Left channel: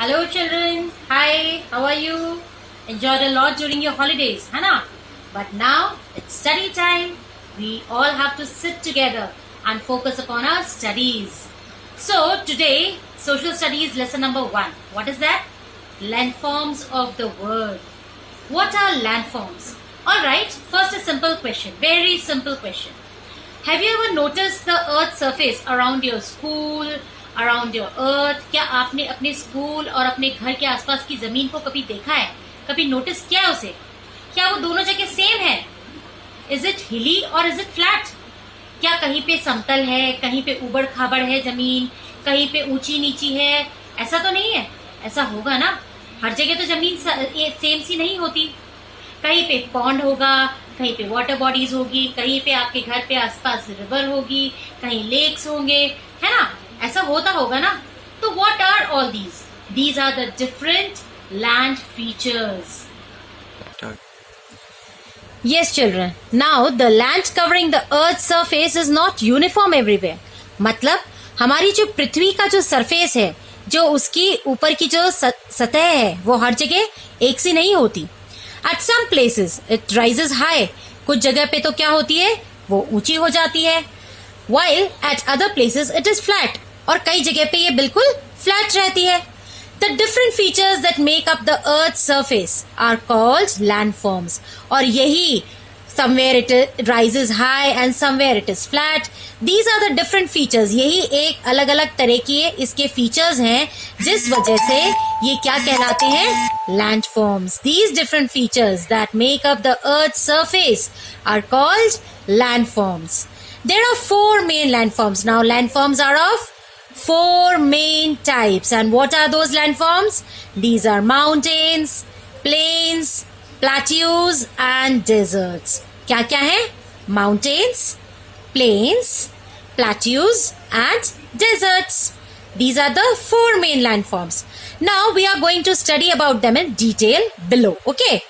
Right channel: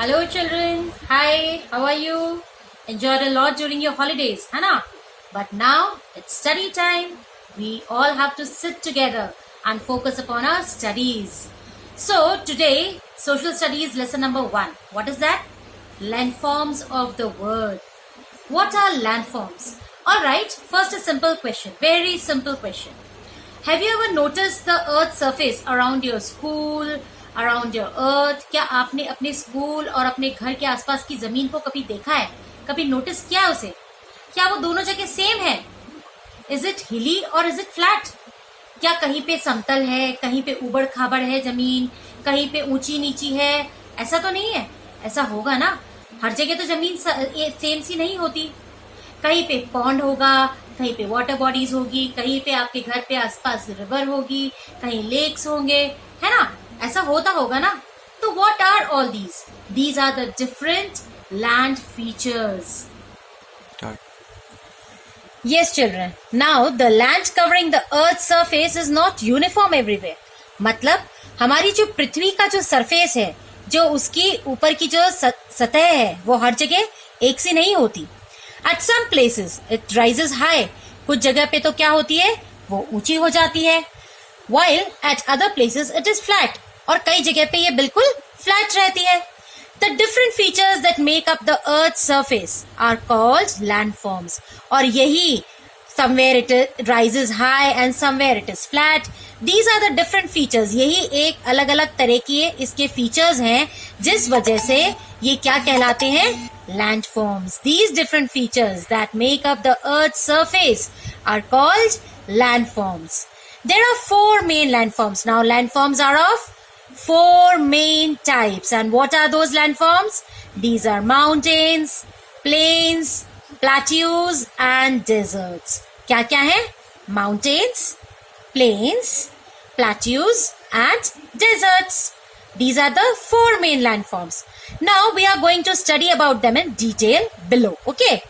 Hello children, hi, how are you? Enjoyed a lot during your holidays, है ना? But now it's study time. We all have to sit together and focus upon our studies. So today, social studies lesson number 1. What is that? Landforms of the world. What are landforms? Alright, first a simple question, very simple question. Have you ever noticed the earth's surface around your school, around your earth? क्या आपने अपने school और अपने घर के आसपास की जमीन को कभी देखा है, कभी नोटिस किया है उसे? क्या वो दोनों जगह सेम है? इज इट हिली और इज इट फ्लैट? क्या कहीं पे समतल है, कहीं पे उबड़ खाबड़ है जमीन, कहीं पे ऊंची नीची है? ऐसा तो नहीं है, ऐसा होगा ना? हर जगह तो जमीन सेम सी नहीं होती. कहीं पे पॉन्ड होगा, कहीं पे वाटर बॉडीज होगी, कहीं पे आपके घर पे आसपास रिवर होगी, कहीं लेक्स होंगे, है ना? ऐसा होता होगा ना? तो what are all these? These are the different land features. Yes, children. Now the land covering the earth's surface is not uniform everywhere. मतलब हमारी जो पृथ्वी का जो सरफेस है, जो उसकी ऊपर की जो सतह है, वो हर जगह एक सी नहीं होती. At some places it rises high. कुछ जगह पे तो क्या होती है, वो ऊंची हो जाती है. While at other places it is flat. और कई जगह पे ये बिल्कुल फ्लैट रहती है. The different features that make up the earth's surface are called landforms. और यही somewhere it rises high and somewhere it is flat. These are the different features. यही एक अलग अलग तरह की इसके features हैं जिस वजह से ये क्या कहलाते हैं? Landforms. These different features that make up the earth's surface are called landforms. There are 4 main landforms. Now landforms are of 4 main types. And what are those landforms? These are mountains, plains, plateaus and deserts. क्या क्या है? Mountains, plains, plateaus and deserts. These are the 4 main landforms. Now we are going to study about them in detail below. Okay.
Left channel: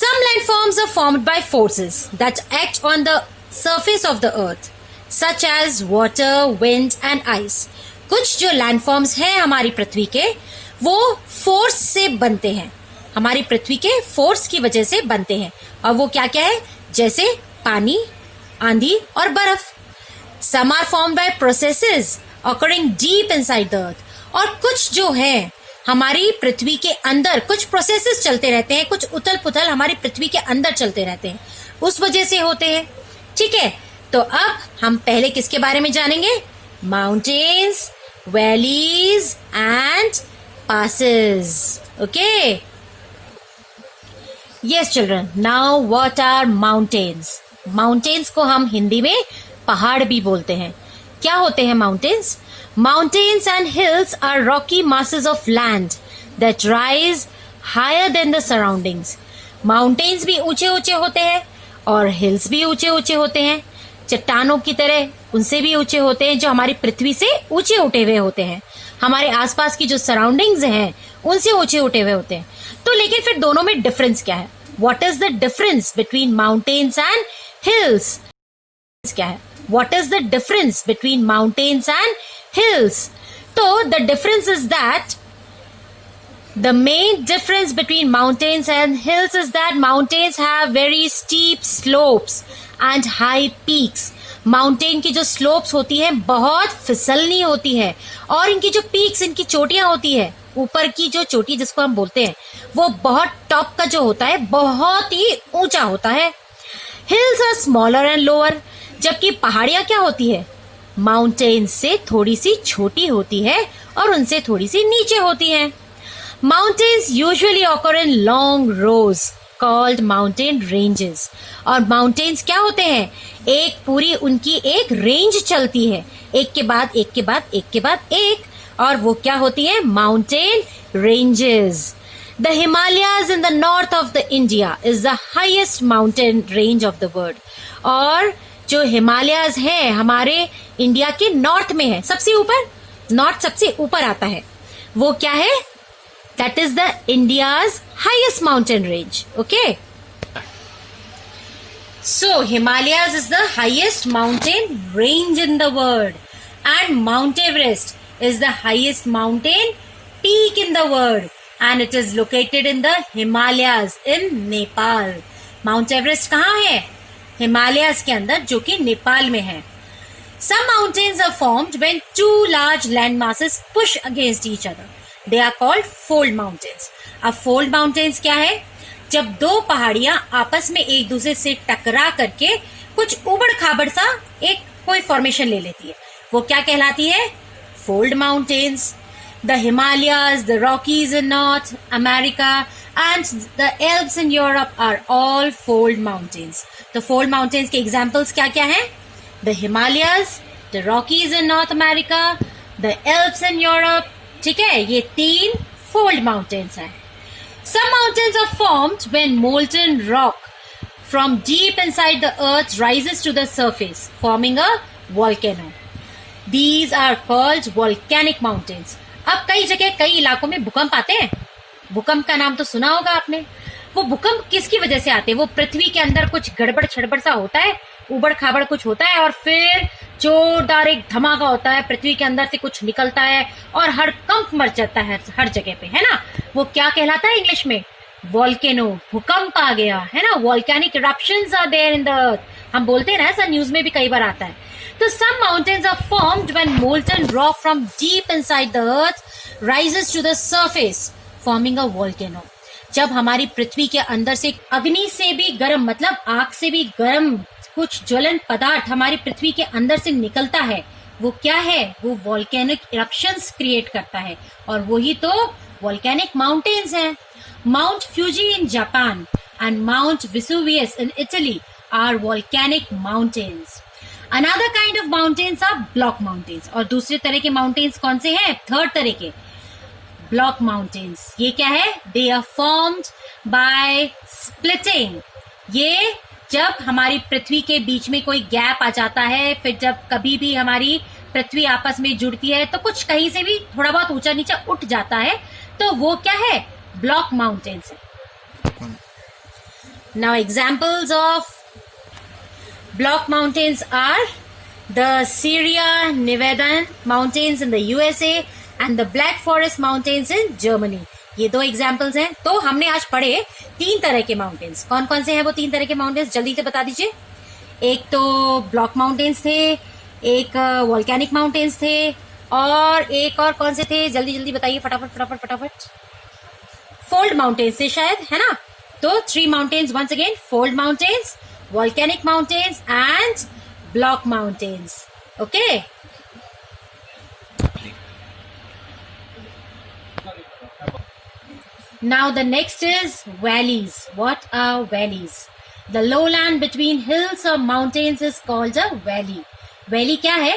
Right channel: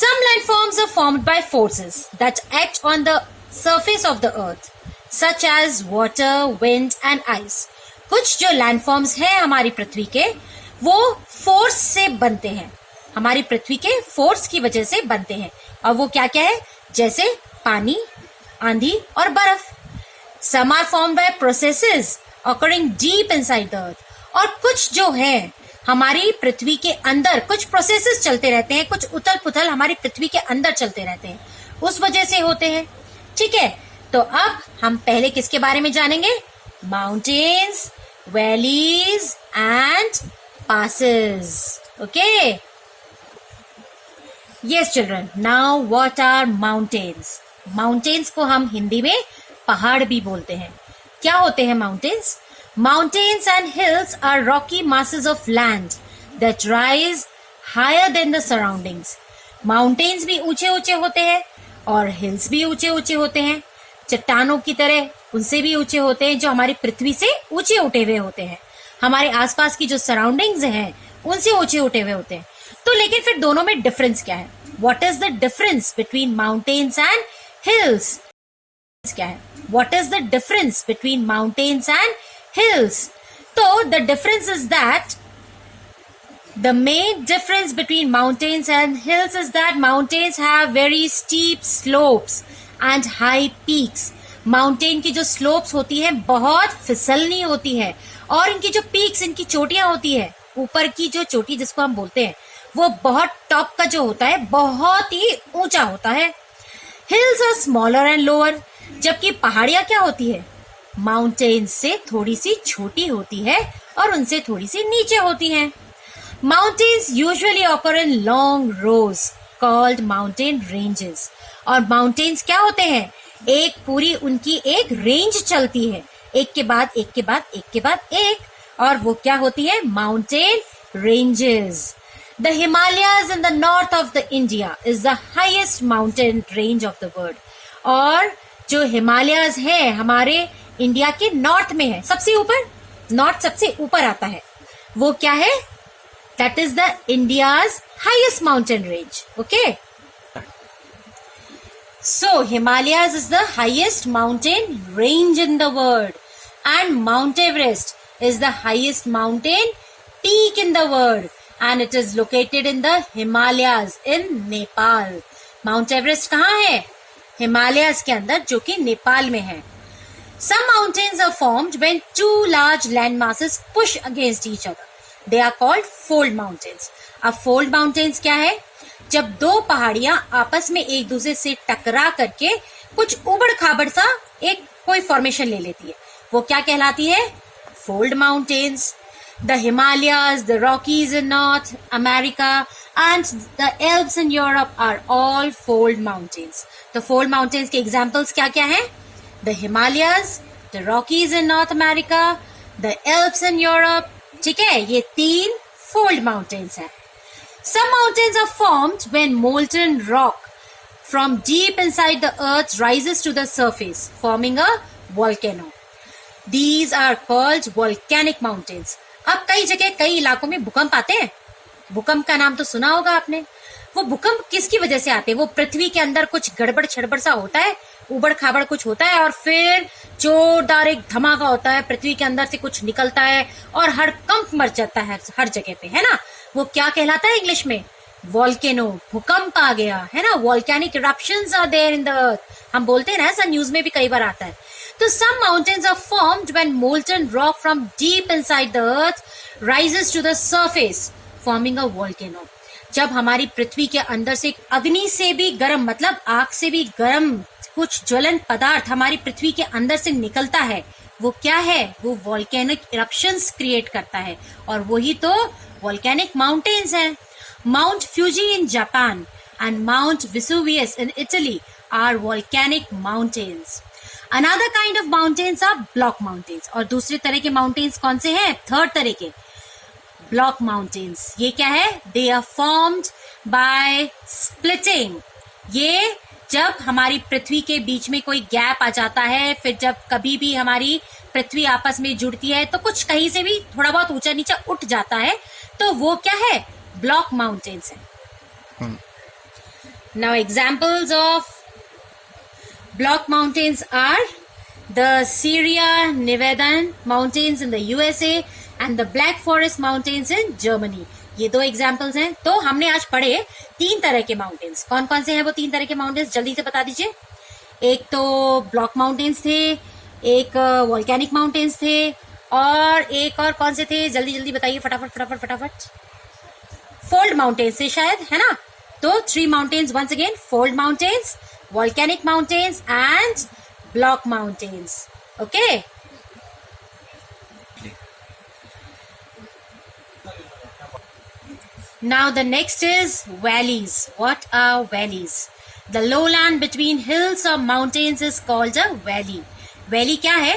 Some landforms are formed by forces that act on the surface of the earth, such as water, wind and ice. कुछ जो landforms हैं हमारी पृथ्वी के, वो force से बनते हैं, हमारी पृथ्वी के फोर्स की वजह से बनते हैं. और वो क्या क्या है? जैसे पानी, आंधी और बर्फ. Some are formed by processes occurring deep inside the earth. और कुछ जो है हमारी पृथ्वी के अंदर कुछ प्रोसेसेस चलते रहते हैं, कुछ उथल पुथल हमारी पृथ्वी के अंदर चलते रहते हैं, उस वजह से होते हैं. ठीक है, तो अब हम पहले किसके बारे में जानेंगे? Mountains, valleys and passes. Okay. Yes children, now what are mountains? Mountains को हम हिंदी में पहाड़ भी बोलते हैं. क्या होते हैं mountains? Mountains and hills are rocky masses of land that rise higher than the surroundings. Mountains भी ऊंचे ऊंचे होते हैं और hills भी ऊंचे ऊंचे होते हैं, चट्टानों की तरह उनसे भी ऊंचे होते हैं, जो हमारी पृथ्वी से ऊंचे उठे हुए होते हैं. हमारे आसपास की जो सराउंडिंग्स हैं उनसे ऊंचे उठे हुए होते हैं. तो लेकिन फिर दोनों में डिफरेंस क्या है? What is the difference between mountains and hills? क्या है? What is the difference between mountains and hills? तो the difference is that the main difference between mountains and hills is that mountains have very steep slopes and high peaks. Mountain की जो slopes होती है बहुत फिसलनी होती है, और इनकी जो पीक्स, इनकी चोटियां होती है, ऊपर की जो चोटी जिसको हम बोलते हैं, वो बहुत टॉप का जो होता है बहुत ही ऊंचा होता है. Hills are smaller and lower. जबकि पहाड़ियां क्या होती है? माउंटेन से थोड़ी सी छोटी होती है और उनसे थोड़ी सी नीचे होती है. Mountains usually occur in long rows called mountain ranges. और mountains क्या होते हैं? एक पूरी उनकी एक रेंज चलती है, एक के बाद एक के बाद एक के बाद एक, और वो क्या होती है? mountain ranges. The Himalayas in the north of the India is the highest mountain range of the world. और जो हिमालयाज है हमारे इंडिया के नॉर्थ में है, सबसे ऊपर, नॉर्थ सबसे ऊपर आता है, वो क्या है? That is the India's highest mountain range. Okay. So Himalayas is the highest mountain range in the world, and Mount Everest is the highest mountain peak in the world, and it is located in the Himalayas in Nepal. Mount Everest कहाँ है? Himalayas के अंदर, जो कि नेपाल में है. Some mountains are formed when two large land masses push against each other. They are called fold mountains. अब fold mountains क्या है? जब दो पहाड़ियां आपस में एक दूसरे से टकरा करके कुछ उबड़ खाबड़ सा एक कोई फॉर्मेशन ले लेती है, वो क्या कहलाती है? Fold mountains. The Himalayas, the Rockies in North America and the Alps in Europe are all fold mountains. तो फोल्ड माउंटेन्स के एग्जाम्पल्स क्या क्या हैं? The Himalayas, the Rockies in North America, the Alps in Europe. ठीक है, ये 3 फोल्ड माउंटेन्स हैं. Some mountains are formed when molten rock from deep inside the earth rises to the surface, forming a volcano. These are called volcanic mountains. अब कई जगह कई इलाकों में भूकंप आते हैं. भूकंप का नाम तो सुना होगा आपने. वो भूकंप किसकी वजह से आते हैं? वो पृथ्वी के अंदर कुछ गड़बड़ छड़बड़ सा होता है, उबड़ खाबड़ कुछ होता है, और फिर जोरदार एक धमाका होता है, पृथ्वी के अंदर से कुछ निकलता है और हर कंप मच जाता है हर जगह पे, है ना. वो क्या कहलाता है इंग्लिश में? वॉल्केनो. भूकंप आ गया, है ना. Volcanic eruptions are there in the earth. हम बोलते हैं ना, ऐसा न्यूज में भी कई बार आता है. तो some mountains are formed when molten rock from deep inside the earth rises to the surface, forming a volcano. जब हमारी पृथ्वी के अंदर से अग्नि से भी गर्म, मतलब आग से भी गर्म कुछ ज्वलन पदार्थ हमारी पृथ्वी के अंदर से निकलता है, वो क्या है? वो वॉल्केनिक इरप्शंस क्रिएट करता है, और वही तो वॉल्केनिक माउंटेन्स हैं. Mount Fuji in Japan and Mount Vesuvius in Italy are volcanic mountains. Another kind of mountains are block mountains. और दूसरे तरह के माउंटेन्स कौन से हैं? थर्ड तरह के ब्लॉक माउंटेन्स. ये क्या है? They are formed by splitting. ये जब हमारी पृथ्वी के बीच में कोई गैप आ जाता है, फिर जब कभी भी हमारी पृथ्वी आपस में जुड़ती है तो कुछ कहीं से भी थोड़ा बहुत ऊंचा नीचा उठ जाता है, तो वो क्या है? ब्लॉक माउंटेन्स है. Now examples of block mountains are the Sierra Nevada mountains in the USA and the Black Forest mountains in Germany. ये 2 एग्जाम्पल्स हैं. तो हमने आज पढ़े 3 तरह के माउंटेन्स. कौन कौन से हैं वो 3 तरह के माउंटेन्स? जल्दी से बता दीजिए. एक तो ब्लॉक माउंटेन्स थे, एक वॉल्केनिक माउंटेन्स थे, और एक और कौन से थे? जल्दी जल्दी बताइए, फटाफट फटाफट फटाफट. फोल्ड माउंटेन्स थे शायद, है ना. तो 3 mountains once again: fold mountains, volcanic mountains and block mountains. Okay. Now the next is valleys. What are valleys? The lowland between hills or mountains is called a valley. Valley क्या है?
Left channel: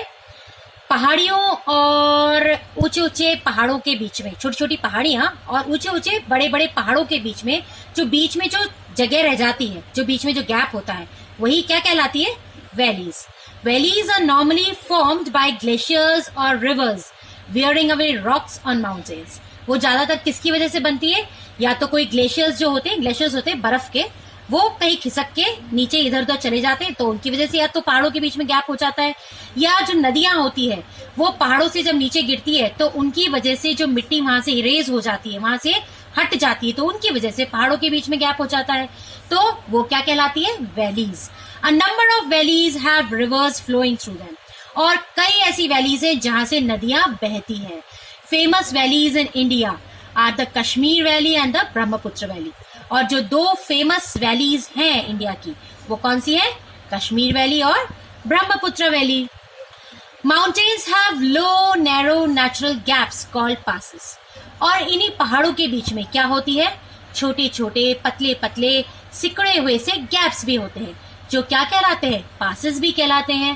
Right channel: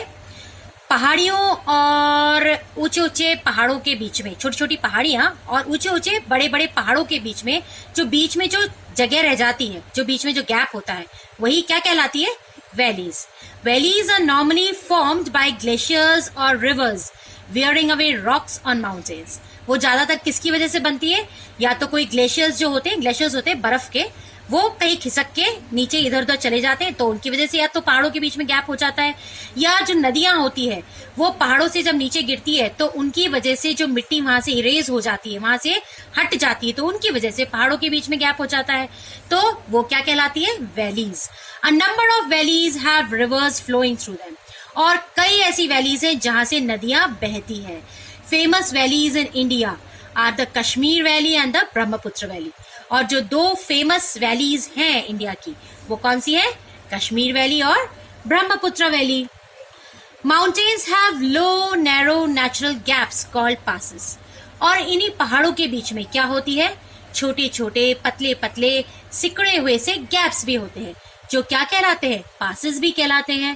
पहाड़ियों और ऊंचे ऊंचे पहाड़ों के बीच में, छोटी छोटी पहाड़ियां और ऊंचे ऊंचे बड़े बड़े पहाड़ों के बीच में जो जगह रह जाती है, जो बीच में जो गैप होता है, वही क्या कहलाती है? Valleys. Valleys are normally formed by glaciers or rivers wearing away rocks on mountains. वो ज्यादातर किसकी वजह से बनती है? या तो कोई ग्लेशियर्स होते हैं बर्फ के, वो कहीं खिसक के नीचे इधर उधर चले जाते हैं, तो उनकी वजह से या तो पहाड़ों के बीच में गैप हो जाता है, या जो नदियां होती है वो पहाड़ों से जब नीचे गिरती है तो उनकी वजह से जो मिट्टी वहां से इरेज हो जाती है, वहां से हट जाती है, तो उनकी वजह से पहाड़ों के बीच में गैप हो जाता है, तो वो क्या कहलाती है? Valleys. A number of valleys have rivers flowing through them. और कई ऐसी वैलीज है जहां से नदियां बहती है. Famous valleys in India are the Kashmir valley and the Brahmaputra valley. और जो 2 फेमस वैलीज हैं इंडिया की, वो कौन सी है? कश्मीर वैली और Brahmaputra valley. Mountains have low narrow natural gaps called passes. और इन्हीं पहाड़ों के बीच में क्या होती है? छोटे छोटे पतले पतले सिकड़े हुए से गैप्स भी होते हैं, जो क्या कहलाते हैं? पासेस भी कहलाते हैं.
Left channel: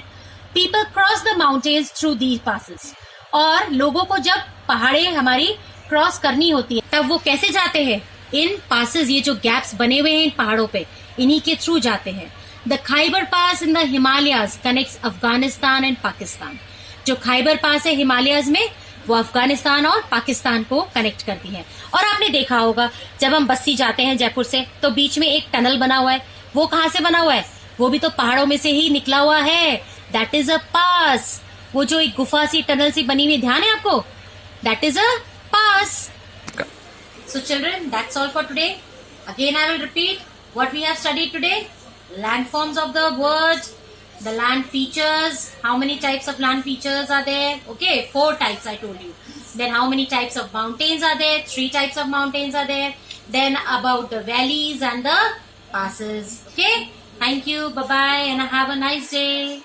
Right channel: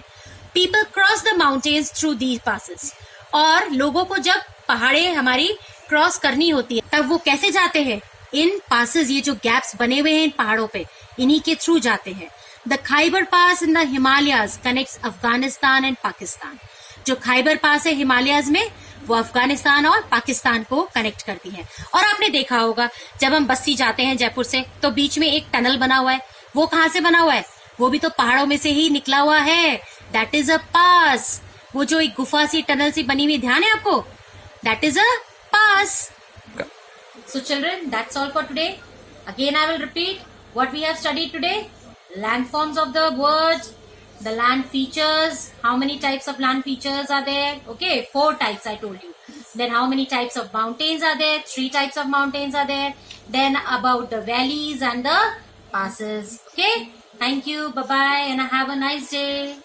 People cross the mountains through these passes. और लोगों को जब पहाड़े हमारी क्रॉस करनी होती है तब वो कैसे जाते हैं? इन पासेस, ये जो गैप्स बने हुए हैं इन पहाड़ों पे, इन्हीं के थ्रू जाते हैं. The Khyber pass in the Himalayas connects Afghanistan and Pakistan. जो खाइबर पास है हिमालयाज में, वो अफगानिस्तान और पाकिस्तान को कनेक्ट करती है. और आपने देखा होगा जब हम बस्ती जाते हैं जयपुर से, तो बीच में एक टनल बना हुआ है. वो कहाँ से बना हुआ है? वो भी तो पहाड़ों में से ही निकला हुआ है. दैट इज अ पास. वो जो एक गुफा सी टनल सी बनी हुई, ध्यान है आपको? That is a pass. So children, that's all for today. Again, I will repeat what we have studied today. Land forms of the words, the land features, how many types of land features are there? Okay, 4 types I told you. Then how many types of mountains are there? 3 types of mountains are there. Then about the valleys and the passes. Okay, thank you, bye-bye, and have a nice day.